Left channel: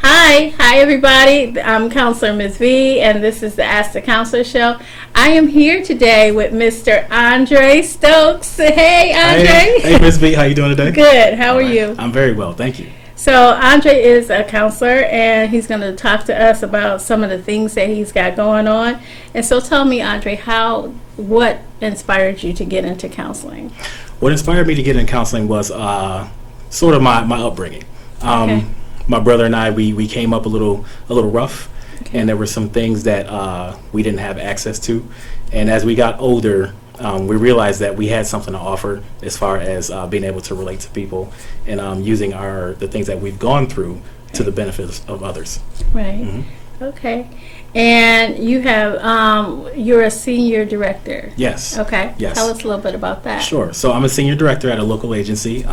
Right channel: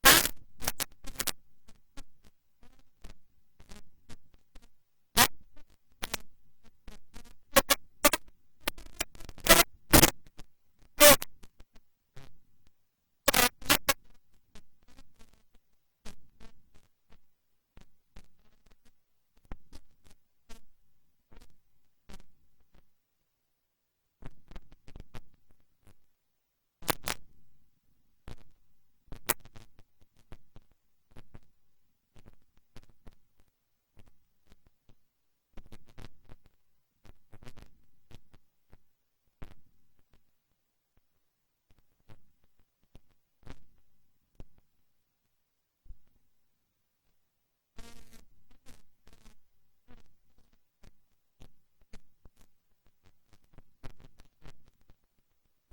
Hi everybody. I'm Counselormsvee, and this is the Ask the Counselor Show. I am here today with Mr. Andre Stokes. Hey, Andre. Hey, Ms. V. How you doing today? Good. How are you? I'm very well, thank you. So Andre is a counselor, and he's going to talk to us about some of the things that he's got going on. And so tell me, Andre, what inspired you to get into counseling? What inspired me to get into counseling was sort of my upbringing. Okay. My brother and I, we came up a little rough, Okay. and there were some things that we didn't have access to. And as we got older, we realized that we had something to offer as far as being able to relate to people and using the things that we've gone through to the benefits of others. Right. Mm-hmm. Okay. And you have you're a senior director. Yes. Okay. Yes. Tell us a little bit about that. Sure. So I'm a senior director at a local agency.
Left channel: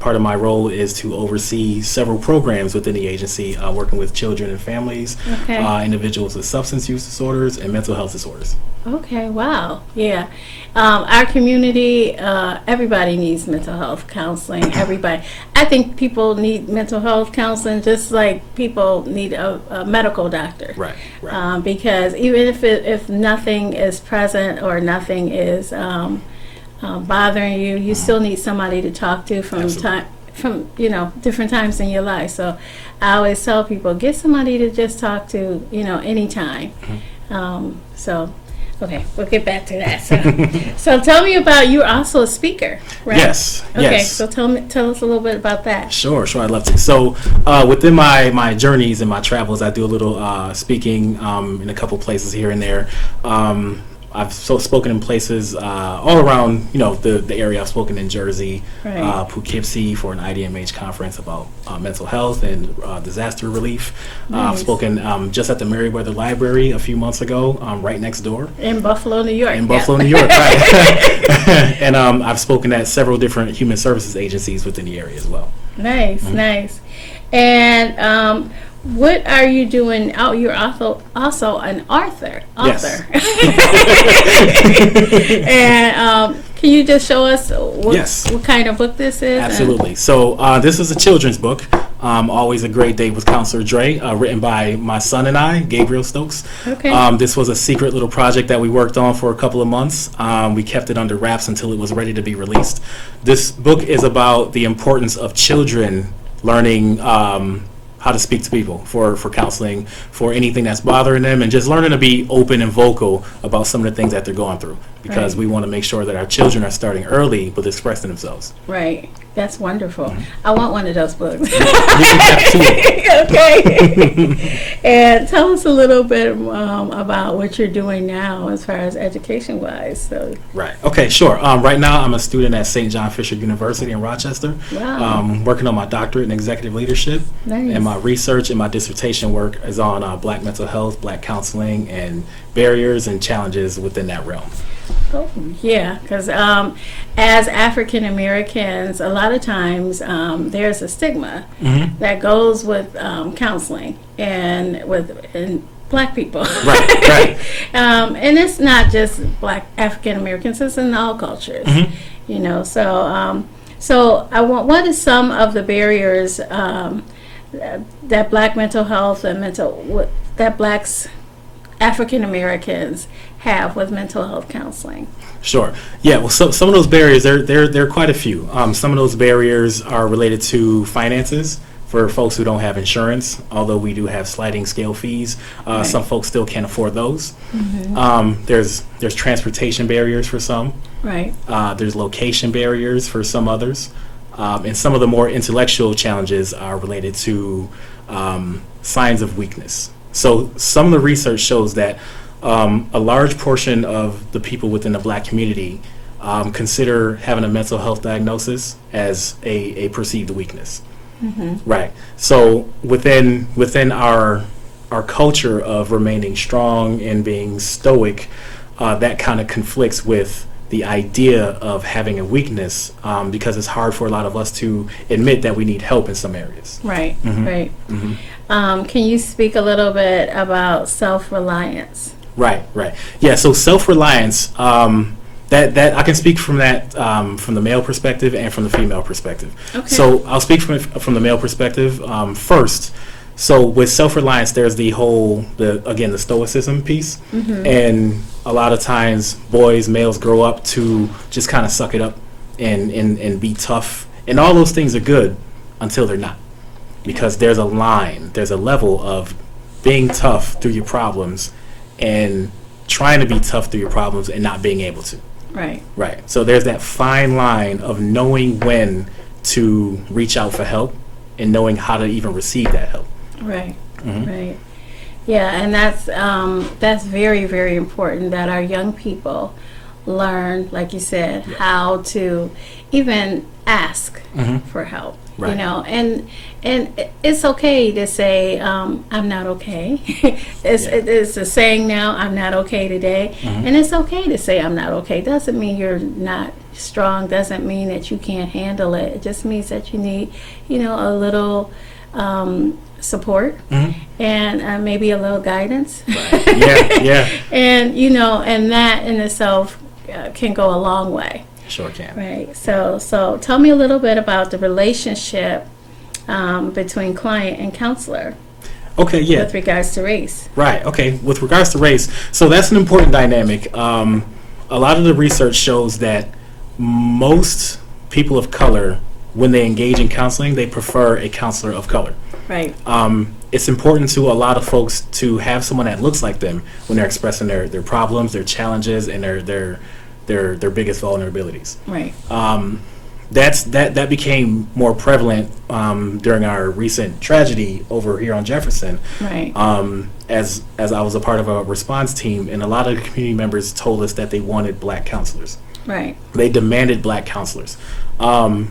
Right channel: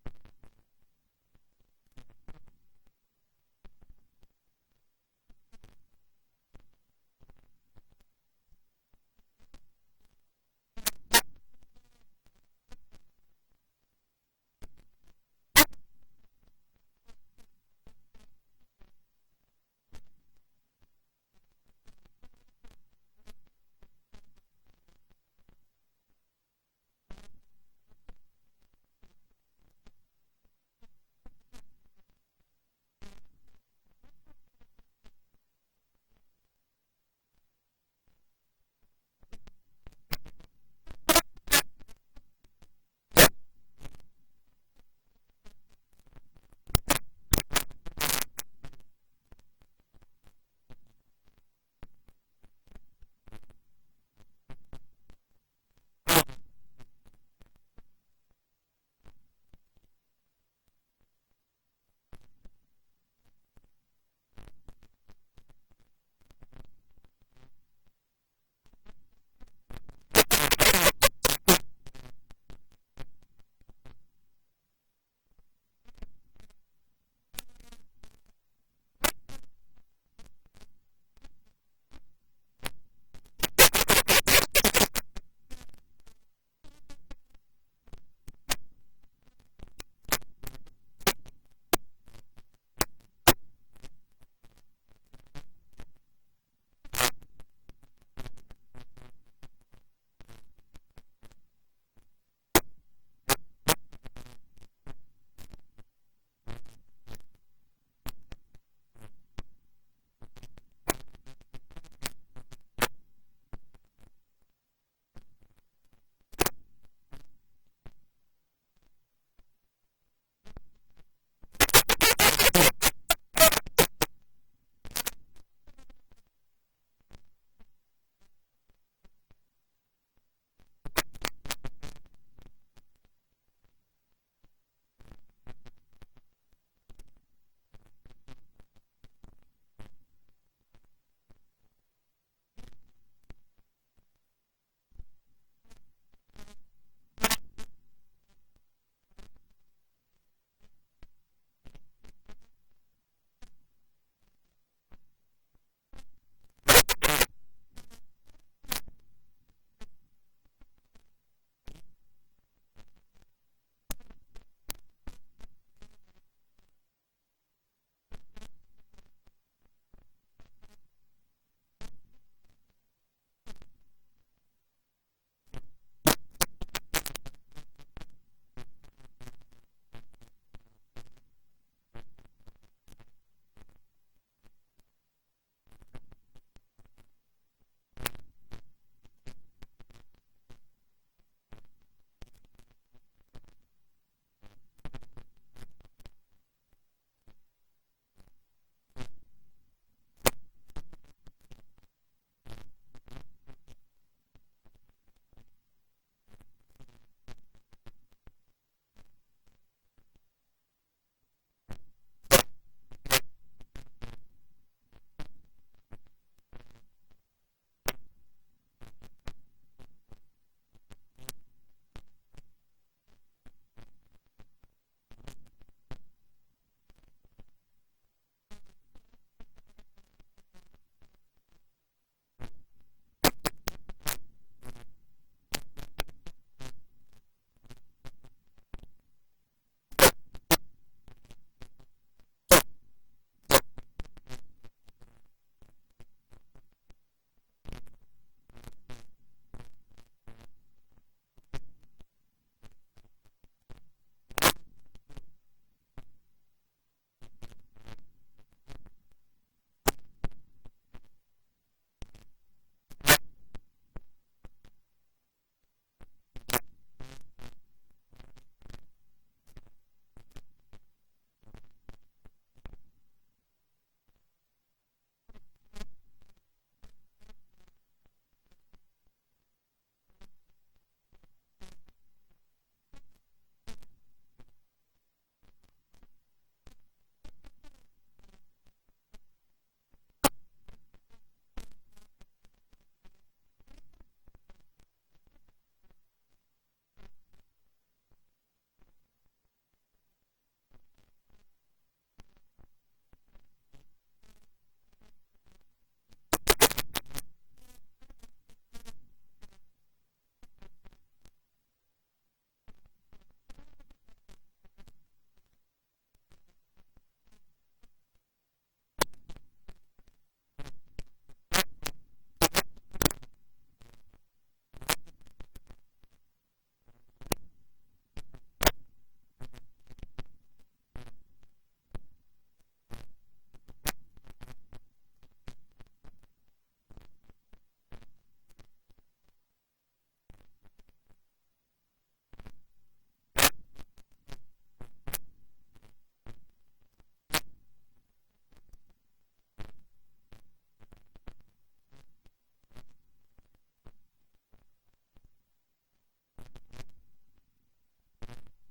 Part of my role is to oversee several programs within the agency, working with children and families, Okay. individuals with substance use disorders and mental health disorders. Okay, wow. Yeah. Our community, everybody needs mental health counseling. Everybody. I think people need mental health counseling just like people need a medical doctor. Right, right. Because even if nothing is present or nothing is bothering you, you still need somebody to talk to from different times in your life. So I always tell people, get somebody to just talk to, anytime. Mm-hmm. Okay, we'll get back to that. So tell me about, you're also a speaker, right? Yes. Okay, yes. so tell us a little bit about that. Sure, I'd love to. So within my journeys and my travels, I do a little speaking in a couple places here and there. I've spoken in places all around, the area. I've spoken in Jersey, Right. Poughkeepsie for an IDMH conference about mental health and disaster relief. Nice. I've spoken just at the Meriwether Library a few months ago, right next door. In Buffalo, New York. In Buffalo, New York, right. And I've spoken at several different human services agencies within the area as well. Nice, Mm-hmm. nice. And what are you doing? Oh, you're also an author. Yes. And can you just show us Yes. what kind of book this is? Absolutely. So this is a children's book, Always a Great Day with Counselor Dre, written by my son and I, Gabriel Stokes. Okay. This was a secret little project that we worked on for a couple of months. We kept it under wraps until it was ready to be released. This book is about the importance of children learning how to speak to people for counseling, for anything that's bothering them, and just learning to be open and vocal about some of the things that they're going through, because Right. we want to make sure that our children are starting early with expressing themselves. Right. That's wonderful. Mm-hmm. I want one of those books. You can have two. Okay. And tell us a little bit about what you're doing now as far as education-wise. So. Right. Okay, sure. Right now I'm a student at St. John Fisher University in Rochester. Wow. Working on my doctorate in executive leadership. Nice. And my research and my dissertation work is on Black mental health, Black counseling, and barriers and challenges within that realm. Oh, yeah, because as African Americans, a lot of times there's a stigma Mm-hmm. that goes with counseling and Black people. Right, right. And it's not just Black African Americans; it's in all cultures. Mm-hmm. So what is some of the barriers that Black mental health and that Blacks African Americans have with mental health counseling? Sure. Yeah. Well, some of those barriers, there are quite a few. Some of those barriers are related to finances for folks who don't have insurance. Although we do have sliding scale fees, Right. some folks still can't afford those. Mm-hmm. There's transportation barriers for some. Right. There's location barriers for some others, and some of the more intellectual challenges are related to signs of weakness. So some of the research shows that a large portion of the people within the Black community consider having a mental health diagnosis as a perceived weakness. Right. So within our culture of remaining strong and being stoic, that kind of conflicts with the idea of having a weakness, because it's hard for a lot of us to admit that we need help in some areas. Right, right. Can you speak a little bit about self-reliance? Right. Yeah, so self-reliance, that I can speak from that, from the male perspective and from the female perspective. Okay. So I'll speak from the male perspective first. So with self-reliance, there's the stoicism piece. And a lot of times males grow up to just kind of suck it up and be tough. And all those things are good until they're not. Because there's a level of being tough through your problems and trying to be tough through your problems and not being able to. Right. So there's that fine line of knowing when to reach out for help and knowing how to even receive that help. Right. Right. Yeah, and that's very, very important that our young people learn, like you said, how to even ask for help. Right. You know, and it's okay to say I'm not okay. It's a saying now, I'm not okay today, and it's okay to say I'm not okay. Doesn't mean you're not strong. Doesn't mean that you can't handle it. It just means that you need, a little support and maybe a little guidance. Right. Yeah. And and that in itself can go a long way. Sure can. Right. So tell me a little bit about the relationship between client and counselor. Okay, yeah. With regards to race. Right, okay. With regards to race, so that's an important dynamic. A lot of the research shows that most people of color, when they engage in counseling, they prefer a counselor of color. Right. It's important to a lot of folks to have someone that looks like them when they're expressing their problems, their challenges, and their biggest vulnerabilities. Right. That became more prevalent during our recent tragedy over here on Jefferson. Right. As I was a part of a response team, and a lot of the community members told us that they wanted black counselors. Right. They demanded black counselors.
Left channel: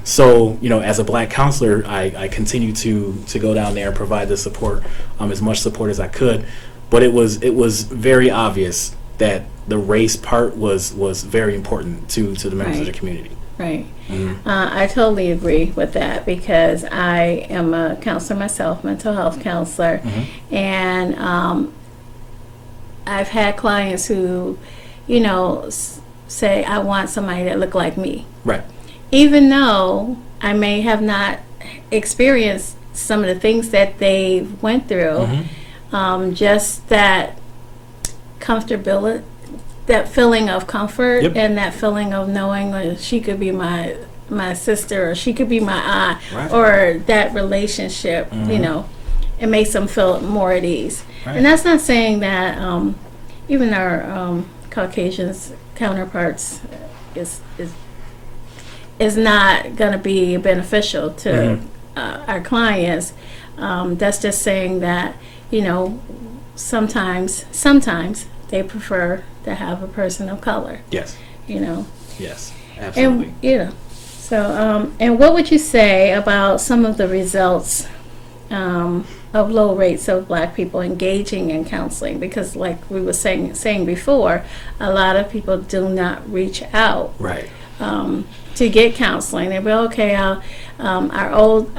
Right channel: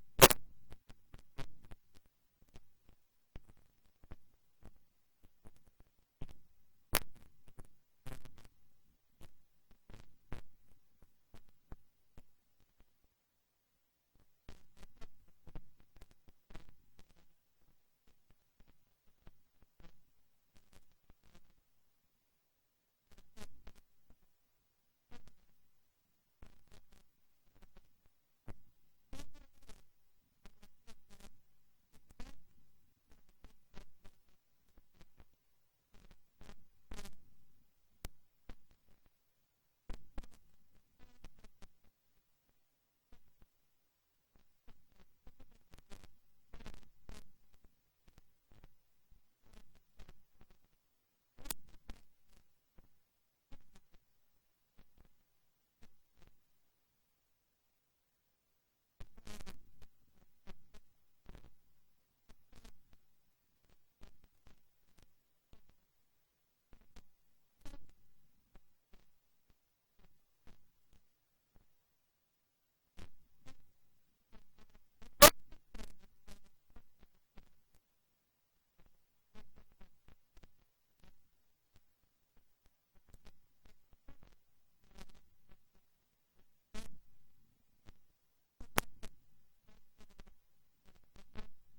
So as a black counselor, I continue to go down there and provide the support, as much support as I could. But it was very obvious that the race part was very important to the members of the community. Right. I totally agree with that because I am a counselor myself, mental health counselor, and I've had clients who, say, I want somebody that look like me. Right. Even though I may have not experienced some of the things that they went through, just that comfortability, that feeling of comfort, and that feeling of knowing she could be my sister, or she could be my aunt, or that relationship, it makes them feel more at ease. Right. And that's not saying that even our Caucasians counterparts is not going to be beneficial to our clients. That's just saying that, sometimes they prefer to have a person of color. Yes. Yes, absolutely. And, so, and what would you say about some of the results of low rates of black people engaging in counseling? Because like we were saying before, a lot of people do not reach out. Right. To get counseling. They go, okay, our old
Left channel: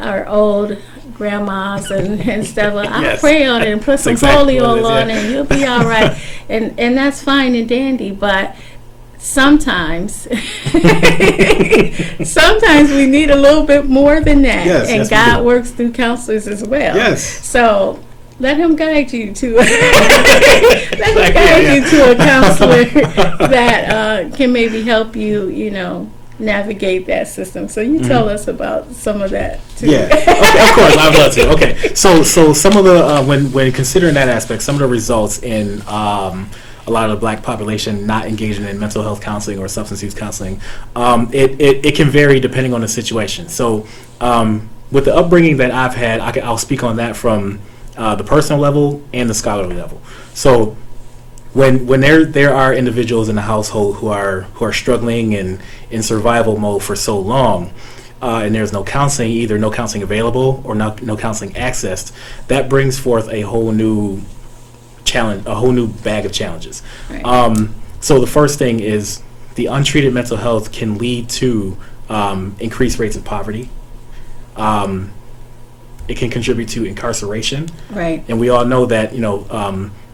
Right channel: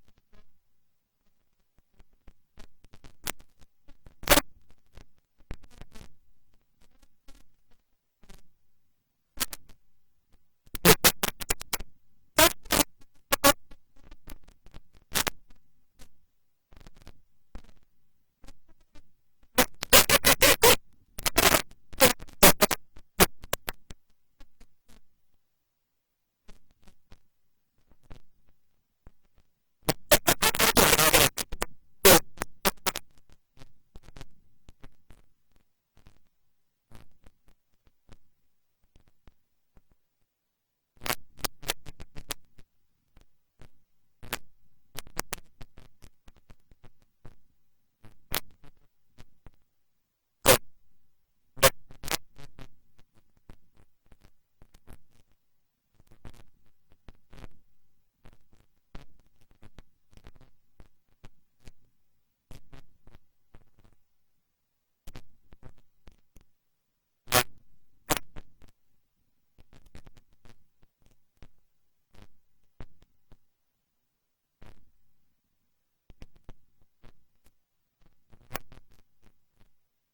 grandmas and stuff, I'll pray on it and put some polio on it and you'll be all right. And that's fine and dandy, but sometimes we need a little bit more than that. And God works through counselors as well. Yes. So let him guide you to a counselor that can maybe help you, navigate that system. So you tell us about some of that too. Yeah, okay, of course, I'd love to. Okay, so some of the when considering that aspect, some of the results in a lot of the black population not engaging in mental health counseling or substance use counseling, it can vary depending on the situation. So with the upbringing that I've had, I'll speak on that from the personal level and the scholarly level. So when there are individuals in the household who are struggling and in survival mode for so long, and there's no counseling, either no counseling available or no counseling accessed, that brings forth a whole new challenge, a whole new bag of challenges. Right. So the first thing is the untreated mental health can lead to increased rates of poverty. It can contribute to incarceration. Right. And we all know that,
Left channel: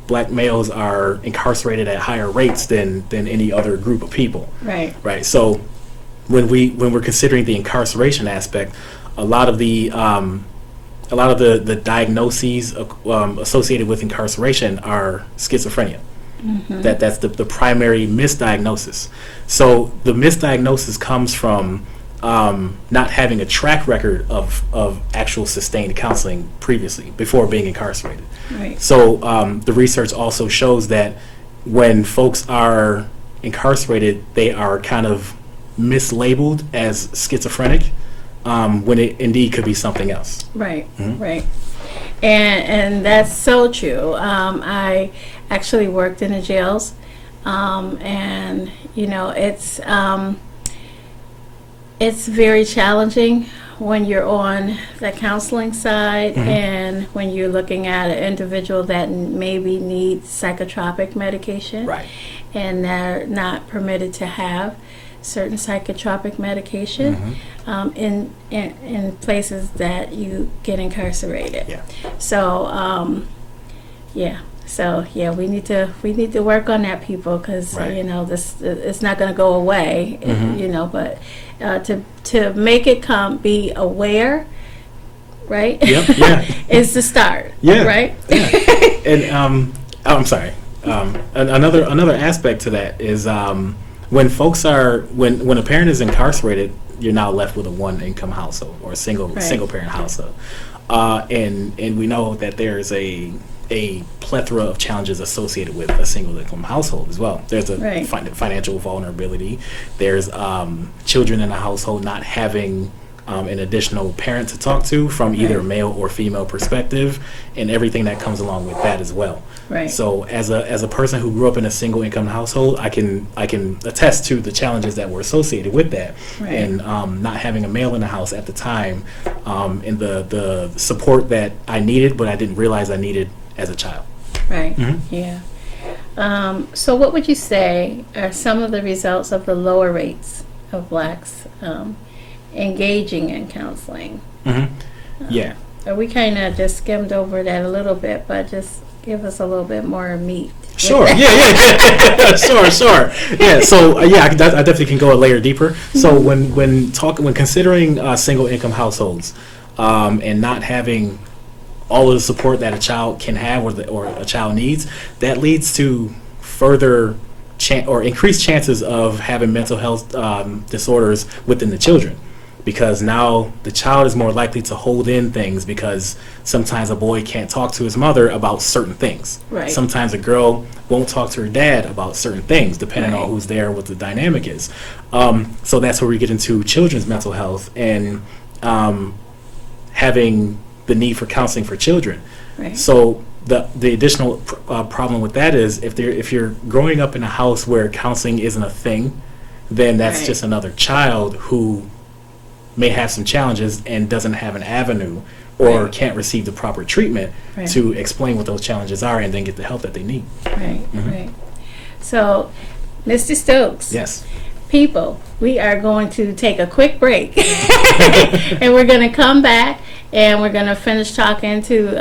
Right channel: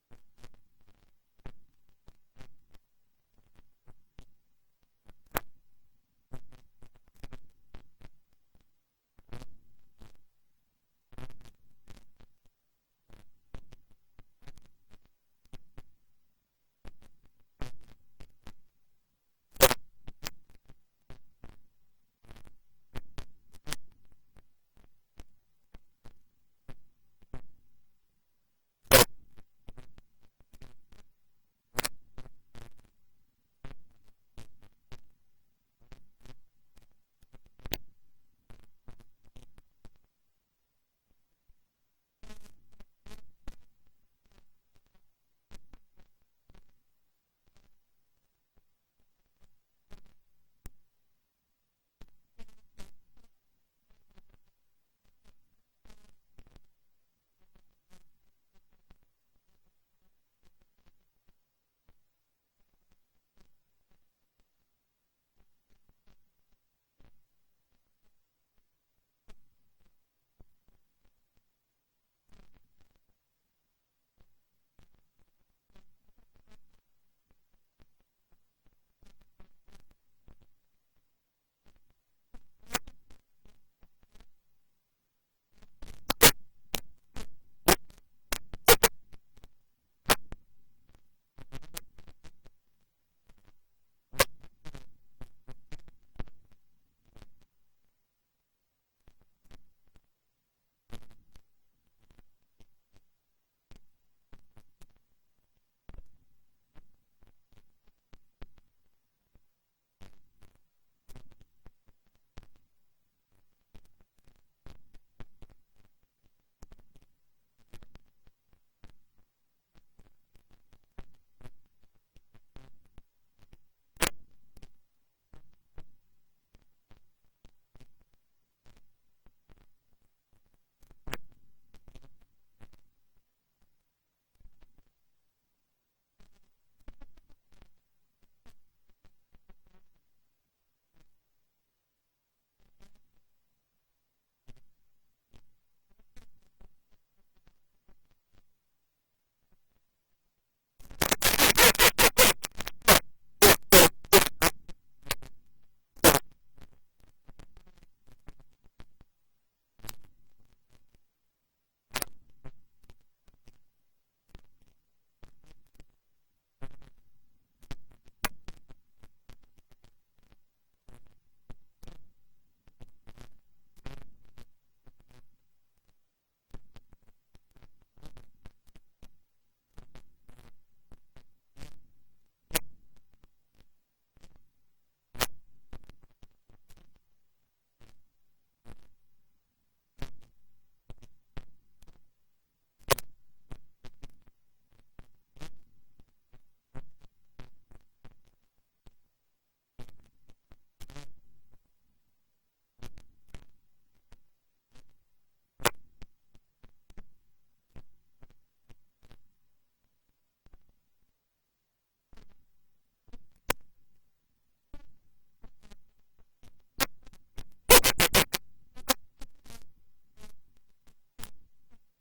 black males are incarcerated at higher rates than any other group of people. Right. Right. So when we're considering the incarceration aspect, a lot of the diagnoses associated with incarceration are schizophrenia. Mm-hmm. That's the primary misdiagnosis. So the misdiagnosis comes from not having a track record of actual sustained counseling previously before being incarcerated. Right. So the research also shows that when folks are incarcerated, they are kind of mislabeled as schizophrenic when it indeed could be something else. Right. Mhm. Right. And that's so true. I actually worked in the jails, and it's very challenging when you're on the counseling side, Mhm. and when you're looking at an individual that maybe needs psychotropic medication, Right. and they're not permitted to have certain psychotropic medication in places that you get incarcerated. Yeah. So we need to work on that, people, because Right. this it's not going to go away. Mhm. But to make it be aware, right? Yep. Yeah. is the start. Yeah. Right. Yeah. And I'm sorry. Another aspect to that is when folks when a parent is incarcerated, you're now left with a one income household or a single parent household, and we know that there's a plethora of challenges associated with a single income household as well. There's a Right. financial vulnerability. There's children in a household not having an additional parent to talk to from either a Right. male or female perspective, and everything that comes along with that as well. Right. So as a person who grew up in a single income household, I can attest to the challenges that were associated with that, Right. and not having a male in the house at the time, and the support that I needed, but I didn't realize I needed as a child. Right. Mhm. Yeah. So what would you say are some of the results of the lower rates of blacks engaging in counseling? Yeah. We kind of just skimmed over that a little bit, but just give us a little bit more meat. Sure. Yeah. Sure. Yeah. So I definitely can go a layer deeper. So when considering single income households, and not having all of the support that a child can have or a child needs, that leads to further increased chances of having mental health disorders within the children. Because now the child is more likely to hold in things, because sometimes a boy can't talk to his mother about certain things. Right. Sometimes a girl won't talk to her dad about certain things, depending Right. on who's there, what the dynamic is. So that's where we get into children's mental health and having the need for counseling for children. Right. So the additional problem with that is if you're growing up in a house where counseling isn't a thing, then that's Right. just another child who may have some challenges and doesn't have an avenue or Right. can't receive the proper treatment Right. to explain what those challenges are and then get the help that they need. Right. Mhm. Right. So, Mr. Stokes. Yes. People, we are going to take a quick break, and we're going to come back, and we're going to finish talking to,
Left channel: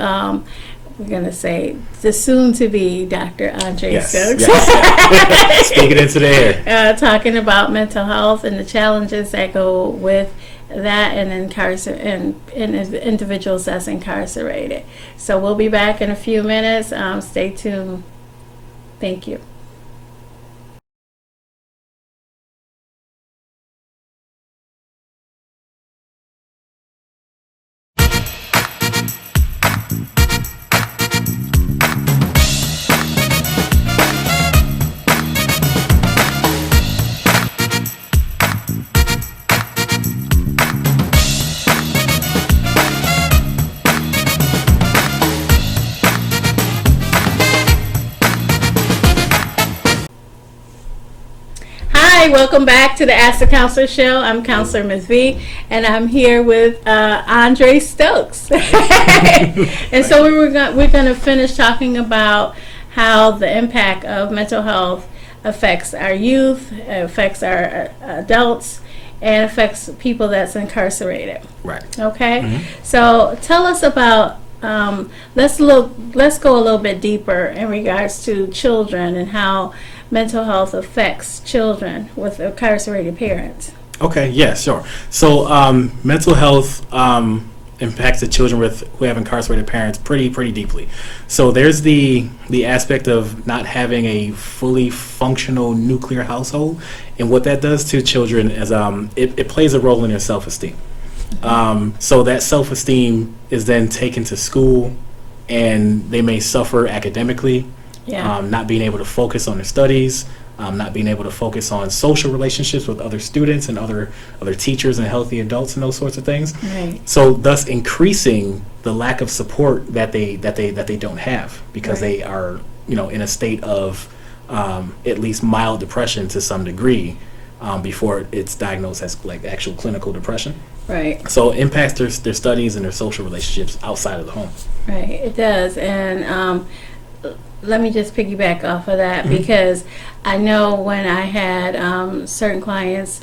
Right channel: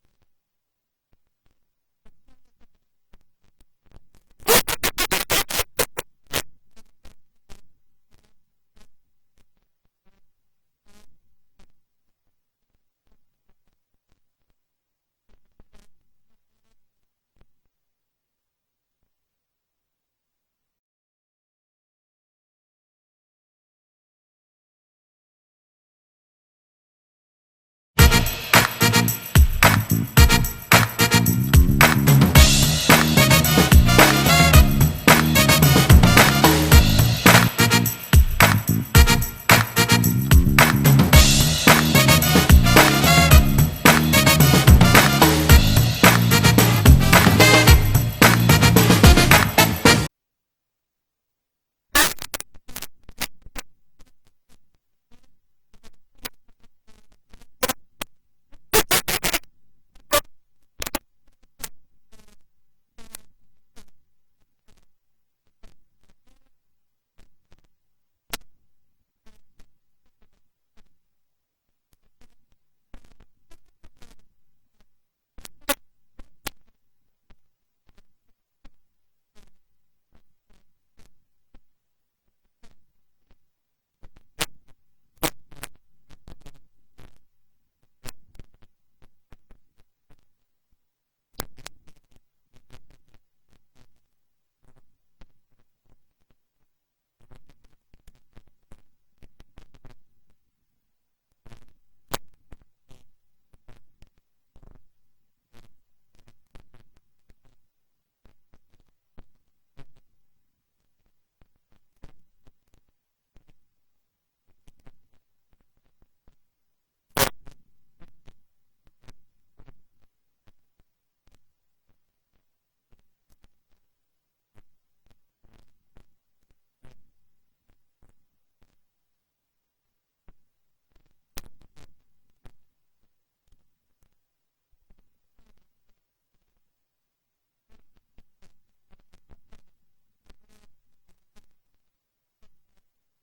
we're going to say, the soon-to-be Dr. Andre Stokes. Yes. Speaking into the air. Talking about mental health and the challenges that go with that, and individuals that's incarcerated. So we'll be back in a few minutes. Stay tuned. Thank you. welcome back to the Ask the Counselor Show. I'm Counselormsvee, and I'm here with Andre Stokes. And so we're going to finish talking about how the impact of mental health affects our youth, affects our adults, and affects people that's incarcerated. Right. Okay? Mm-hmm. So tell us about, let's go a little bit deeper in regards to children and how mental health affects children with incarcerated parents. Okay, yeah, sure. So mental health impacts the children who have incarcerated parents pretty deeply. So there's the aspect of not having a fully functional nuclear household, and what that does to children is it plays a role in their self-esteem. So that self-esteem is then taken to school, and they may suffer academically. Yeah. Not being able to focus on their studies, not being able to focus on social relationships with other students and other teachers and healthy adults and those sorts of things. Right. So thus increasing the lack of support that they don't have, because Right. they are in a state of at least mild depression to some degree before it's diagnosed as like actual clinical depression. Right. So it impacts their studies and their social relationships outside of the home. Right, it does. And let me just piggyback off of that, because I know when I had certain clients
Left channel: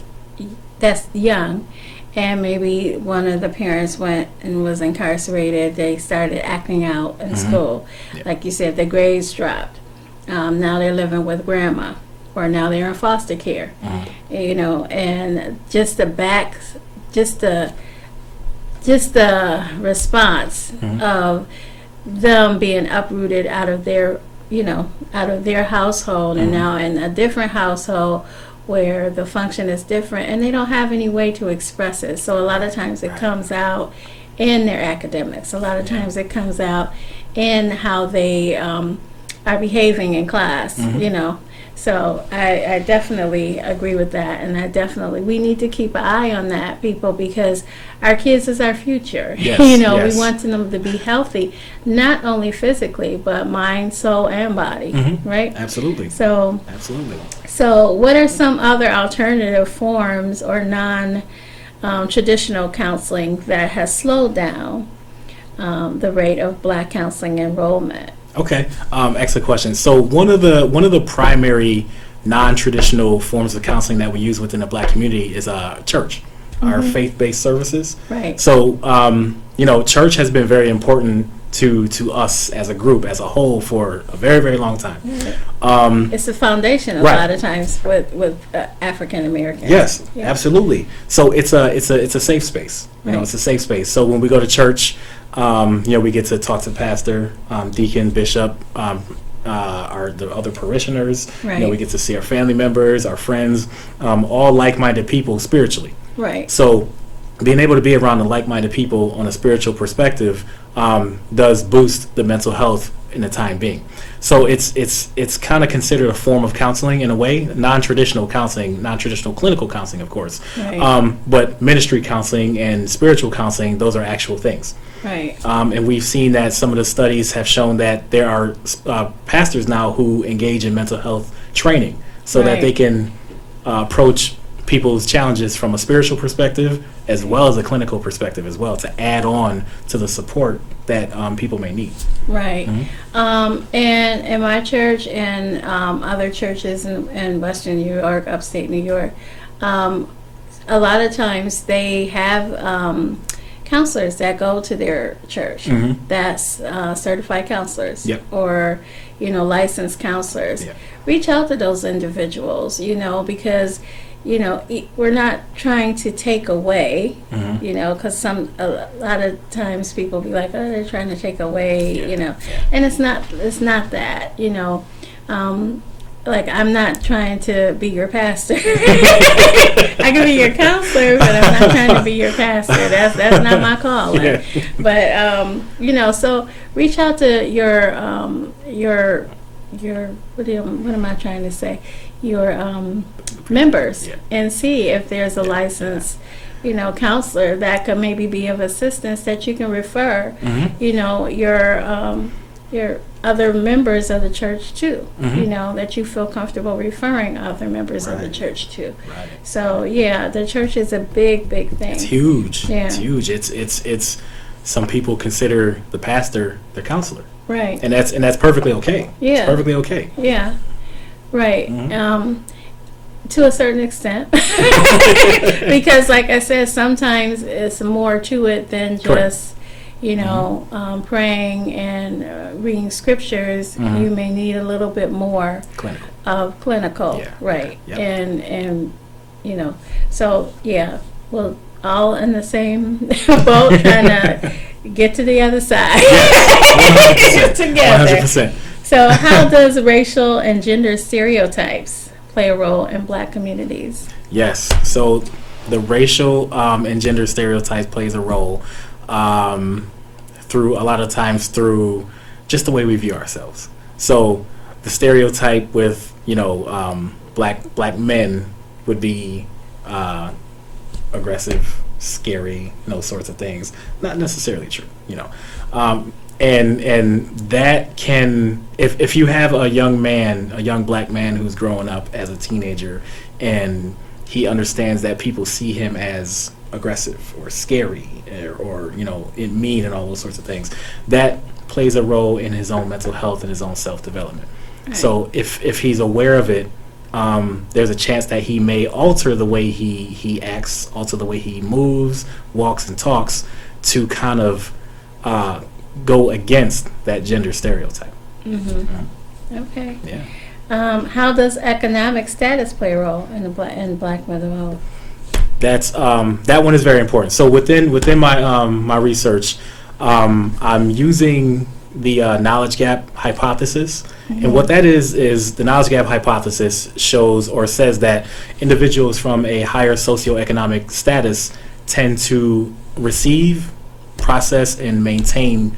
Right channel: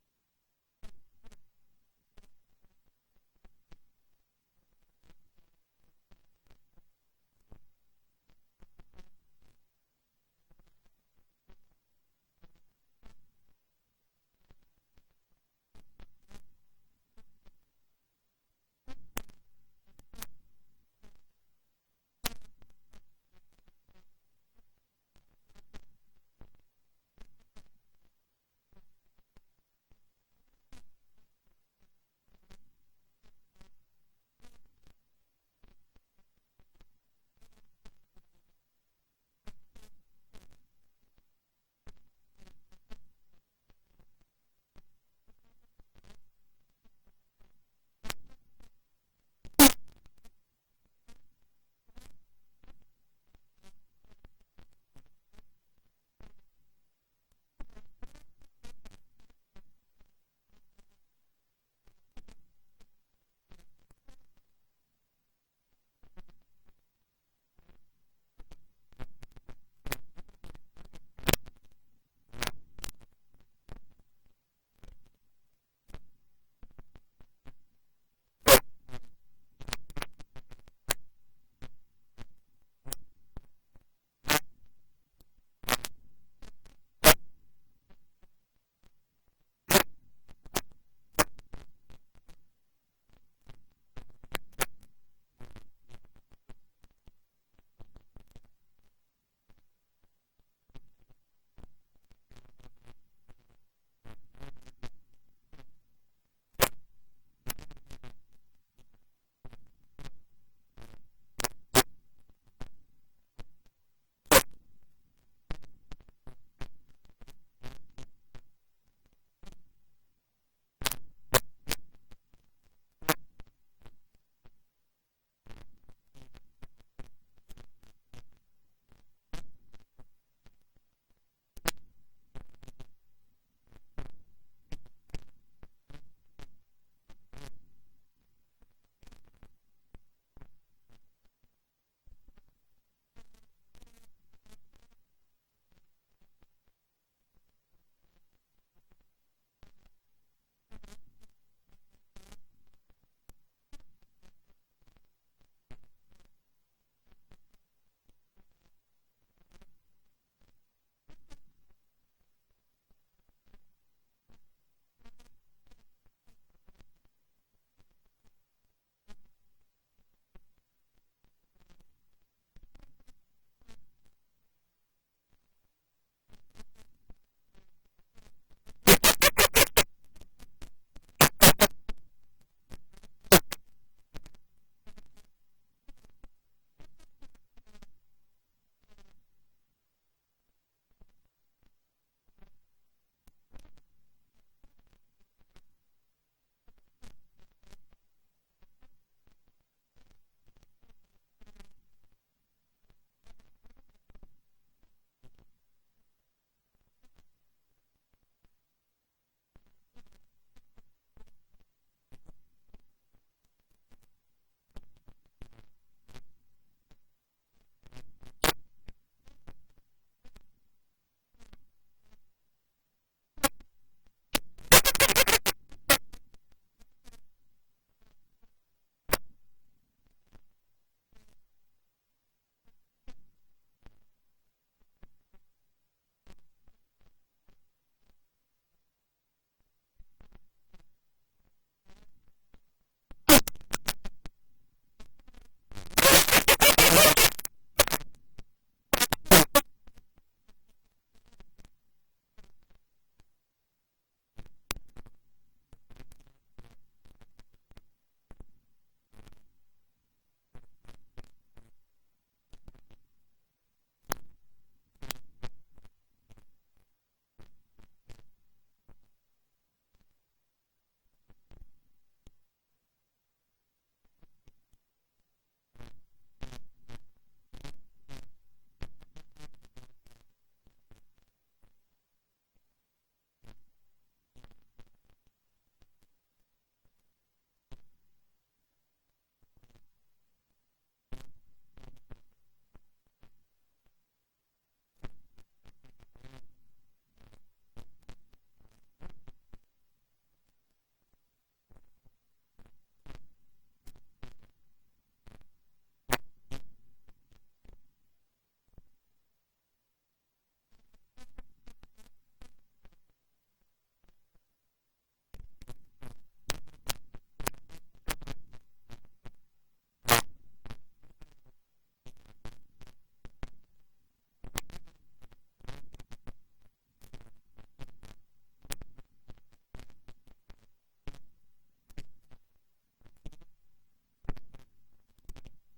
that's young, and maybe one of the parents went and was incarcerated, they started acting out in school. Yeah. Like you said, the grades dropped. Now they're living with grandma, or now they're in foster care. And just the response of them being uprooted out of their household, and now in a different household where the function is different, and they don't have any way to express it. So a lot of times it comes out in their academics. A lot of times it comes out in how they are behaving in class, So I definitely agree with that, and we need to keep an eye on that, people, because our kids is our future. Yes, We want them to be healthy, not only physically, but mind, soul, and body, right? Absolutely. Absolutely. So what are some other alternative forms or non-traditional counseling that has slowed down the rate of Black counseling enrollment? Okay, excellent question. So one of the primary non-traditional forms of counseling that we use within the Black community is church, our faith-based services. Right. So church has been very important to us as a group, as a whole, for a very, very long time. It's the foundation a Right. lot of times with African Americans. Yes, Yeah. absolutely. So it's a safe space. Right. It's a safe space. So when we go to church, we get to talk to pastor, deacon, bishop, the other parishioners. Right. We get to see our family members, our friends, all like-minded people spiritually. Right. So being able to be around the like-minded people on a spiritual perspective does boost the mental health in the time being. So it's kind of considered a form of counseling in a way, non-traditional counseling, non-traditional clinical counseling, of course. Right. But ministry counseling and spiritual counseling, those are actual things. Right. And we've seen that some of the studies have shown that there are pastors now who engage in mental health training so that they can approach people's challenges from a spiritual perspective as well as a clinical perspective as well, to add on to the support that people may need. Right. And in my church and other churches in Western New York, upstate New York, a lot of times they have counselors that go to their church. That's certified counselors. Yep. Or licensed counselors. Yep. Reach out to those individuals, because we're not trying to take away, because a lot of times people be like, oh, they're trying to take away, and it's not that, like, I'm not trying to be your pastor. I can be your counselor, but I'm not trying to be your pastor. That's not my calling. Yeah. But so reach out to your what am I trying to say? Your members, and see if there's a licensed counselor that could maybe be of assistance that you can refer your your other members of the church too. Mhm. You know, that you feel comfortable referring other members of the Right. church to. Right. So yeah, the church is a big thing. It's huge. Yeah. It's huge. It's some people consider the pastor their counselor, Right. and that's perfectly okay. Yeah. It's perfectly okay. Yeah. Right. Mhm. To a certain extent, because like I said, sometimes it's more to it than Correct. just, you know, praying and reading scriptures. Mhm. You may need a little bit more Clinical. of clinical, Yeah. right? Yep. And you know, so yeah, we're all in the same boat, trying to get to the other side together. 100%. So, how does racial and gender stereotypes play a role in Black communities? Yes. So the racial and gender stereotypes plays a role through a lot of times through just the way we view ourselves. So the stereotype with black men would be aggressive, scary, those sorts of things. Not necessarily true, and that can, if you have a young black man who's growing up as a teenager, and he understands that people see him as aggressive or scary or mean and all those sorts of things, that plays a role in his own mental health and his own self-development. Right. So if he's aware of it, there's a chance that he may alter the way he acts, alter the way he moves, walks, and talks to kind of go against that gender stereotype. Mm-hmm. Okay. Yeah. How does economic status play a role in Black mental health? That's that one is very important. So within my my research, I'm using the knowledge gap hypothesis. Mm-hmm. And what that is the knowledge gap hypothesis shows or says that individuals from a higher socioeconomic status tend to receive, process, and maintain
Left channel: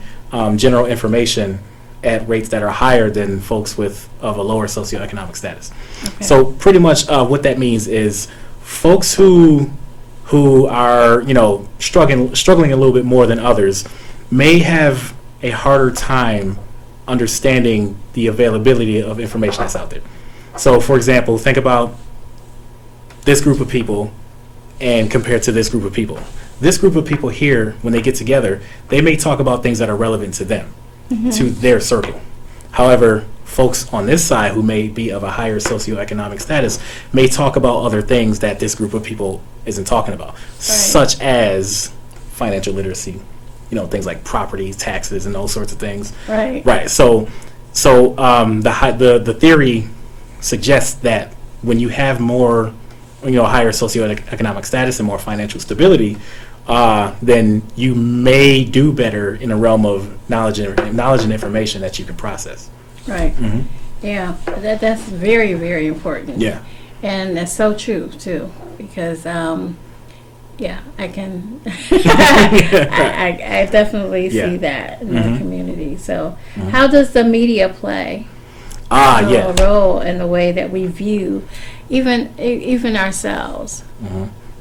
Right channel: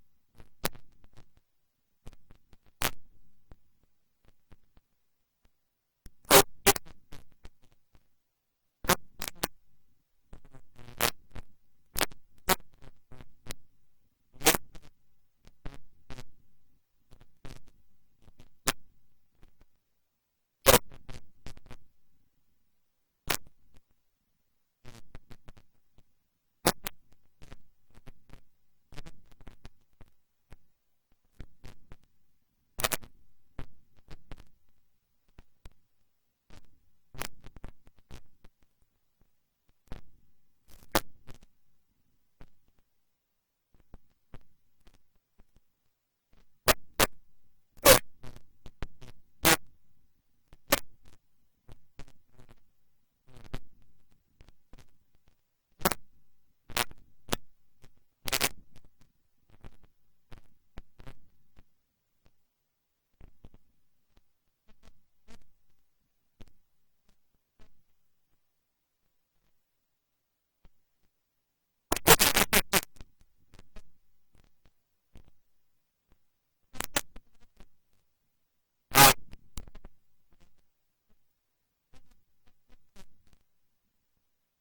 general information at rates that are higher than folks of a lower socioeconomic status. Okay. So pretty much what that means is folks who are struggling a little bit more than others may have a harder time understanding the availability of information that's out there. So, for example, think about this group of people and compared to this group of people. This group of people here, when they get together, they may talk about things that are relevant to them, to their circle. However, folks on this side who may be of a higher socioeconomic status may talk about other things that this group of people isn't talking about, such as financial literacy, things like property taxes and those sorts of things. Right. Right. So the theory suggests that when you have more, higher socioeconomic status and more financial stability, then you may do better in a realm of knowledge and information that you can process. Right. Mm-hmm. Yeah. That's very, very important. Yeah. And that's so true too, because I can I definitely see that in the community. So how does the media play a role in the way that we view even ourselves?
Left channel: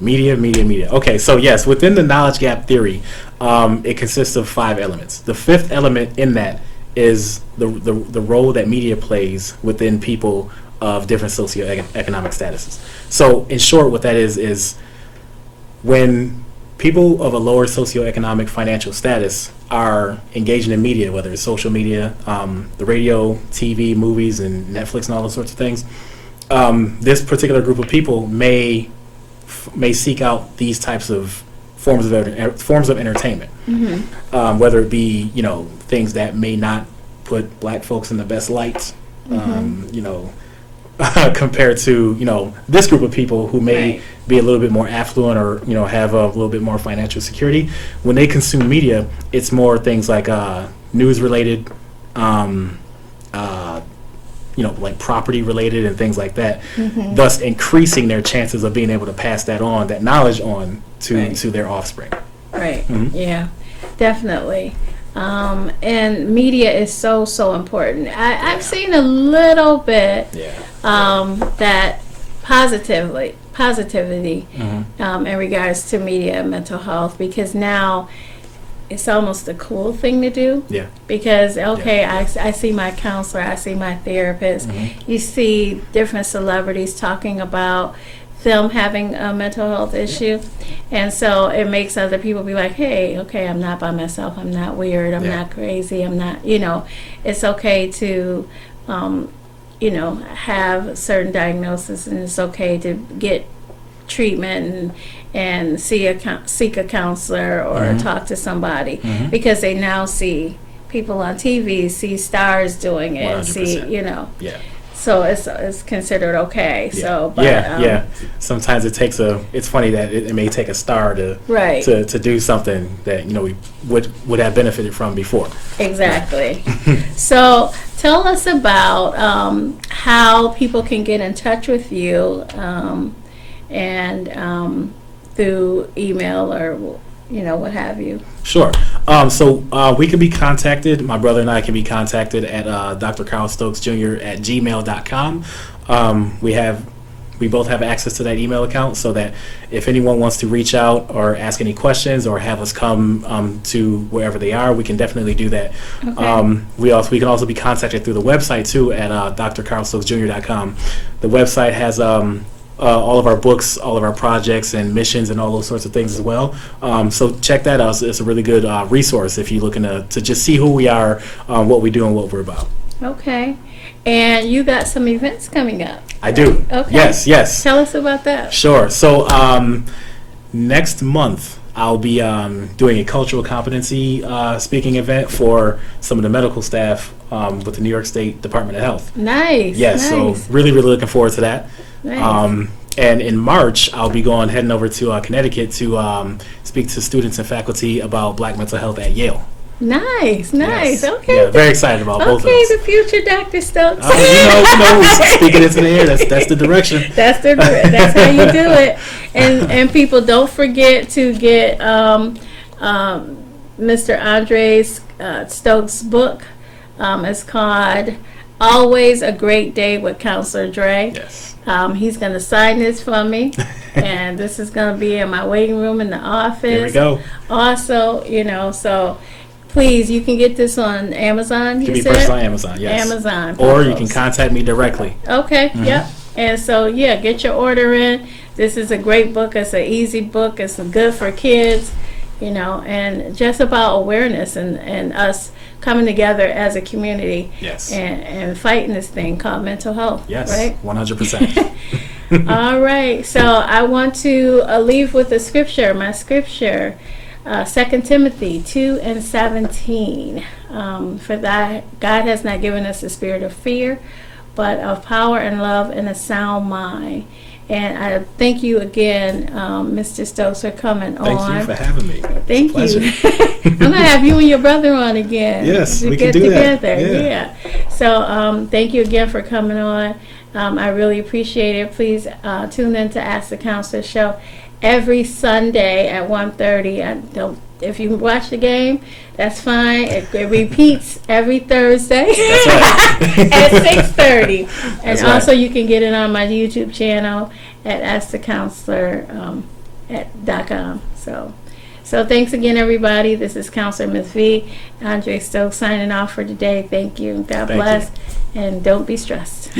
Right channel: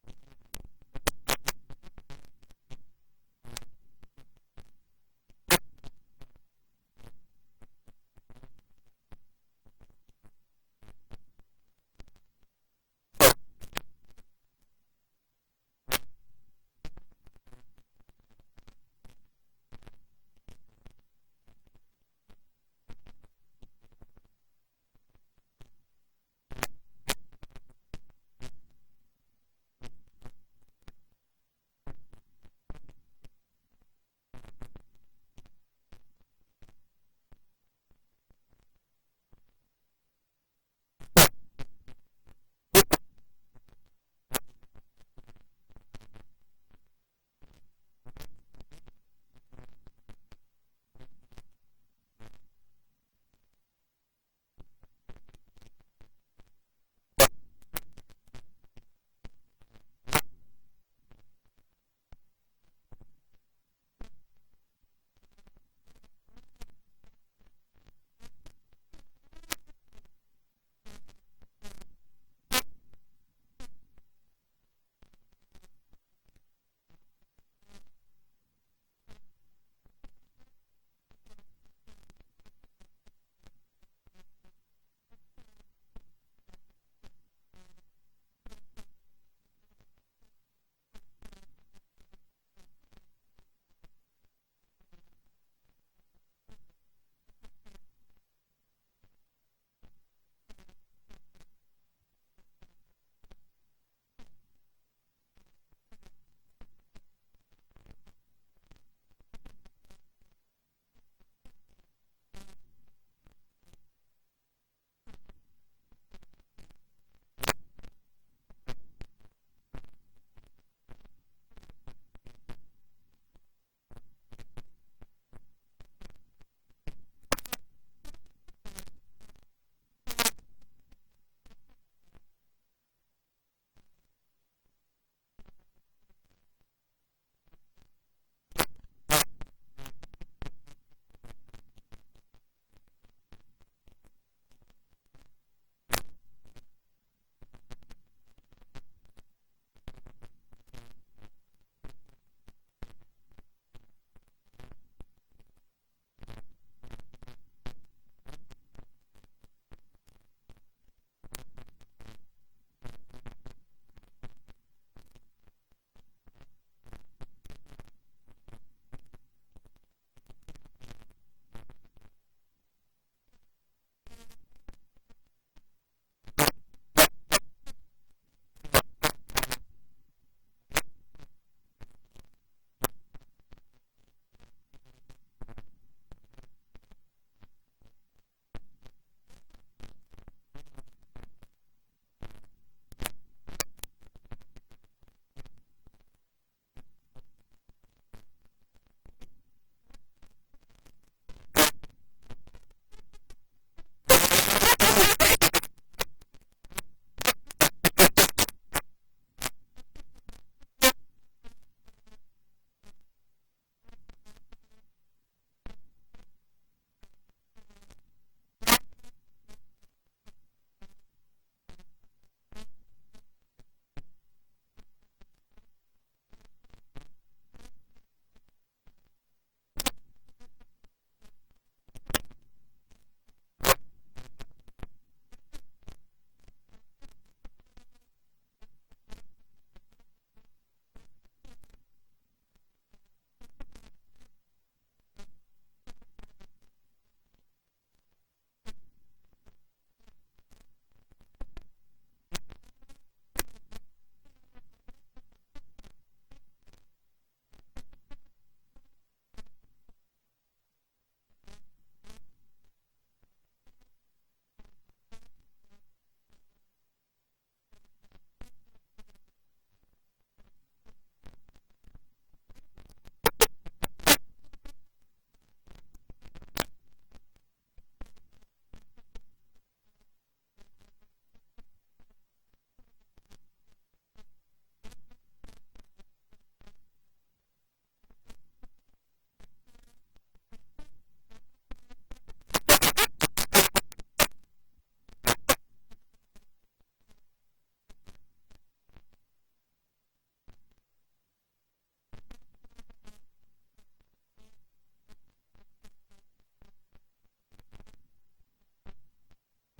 Media. Okay, so yes, within the knowledge gap theory, it consists of 5 elements. The 5th element in that is the role that media plays within people of different socioeconomic statuses. So in short, what that is when people of a lower socioeconomic financial status are engaging in media, whether it's social media, the radio, TV, movies, and Netflix, and all those sorts of things, this particular group of people may seek out these types of forms of entertainment, whether it be things that may not put black folks in the best light, compared to this group of people who may be a little bit more affluent or have a little bit more financial security. When they consume media, it's more things like news related, like property related and things like that, thus increasing their chances of being able to pass that knowledge on to their offspring. Right. Yeah, definitely. And media is so important. I've seen a little bit that positivity in regards to media and mental health, because now it's almost a cool thing to do. Yeah. Because, okay, I see my counselor, I see my therapist. You see different celebrities talking about them having a mental health issue. And so it makes other people be like, hey, okay, I'm not by myself. I'm not weird. I'm not crazy. I'm not, it's okay to, have certain diagnosis, and it's okay to get treatment and seek a counselor or talk to somebody, because they now see people on TV, see stars doing it, 100%. see, so it's considered okay. Yeah. So, but, sometimes it's funny that it may take a star to do something that we would have benefited from before. Exactly. So tell us about how people can get in touch with you, and through email or what have you. Sure. So we can be contacted. My brother and I can be contacted at Dr. Carl Stokes Jr. at gmail.com. We both have access to that email account, so that if anyone wants to reach out or ask any questions or have us come to wherever they are, we can definitely do that. Okay. We can also be contacted through the website too at drcarlstokesjr.com. The website has all of our books, all of our projects and missions and all those sorts of things as well. So check that out. It's a really good resource if you're looking to just see who we are, what we do, and what we're about. Okay. And you got some events coming up. I do. Okay. Yes. Tell us about that. Sure. So next month I'll be doing a cultural competency speaking event for some of the medical staff with the New York State Department of Health. Nice. Yes. Nice. So really looking forward to that. Nice. And in March, I'll be heading over to Connecticut to speak to students and faculty about Black mental health at Yale. Nice. Yes. Okay. Yeah, very excited about both of those. Okay, the future Dr. Stokes. Speaking into the air, that's the direction. That's how you do it. And people, don't forget to get Mr. Andre Stokes' book. It's called Always a Great Day with Counselor Dre. Yes. He's going to sign this for me, and this is going to be in my waiting room in the office. There we go. Also, so please, you can get this on Amazon. It can be purchased on Amazon, yes. Amazon. Or you can contact me directly. Okay, yep. And so, get your order in. This is a great book. It's an easy book. It's good for kids, and just about awareness and us coming together as a community. Yes. And fighting this thing called mental health. Yes, right? 100%. All right. So I want to leave with a scripture. My scripture, 2 Timothy 2:17. For that, God has not given us a spirit of fear, but of power and love and a sound mind. And I thank you again, Mr. Stokes, for coming on. Thank you for having me. Thank you. I'm going to have you and your brother on again. Yes, we can get do together. that. Yeah. So thank you again for coming on. I really appreciate it. Please tune in to Ask the Counselor show every Sunday at 1:30. If you watch the game, that's fine. It repeats every Thursday That's right. at 6:30. And That's also right. you can get it on my YouTube channel at AskTheCounselor .com. So thanks again, everybody. This is Counselormsvee, Andre Stokes signing off for today. Thank you. God Thank bless. And don't be stressed.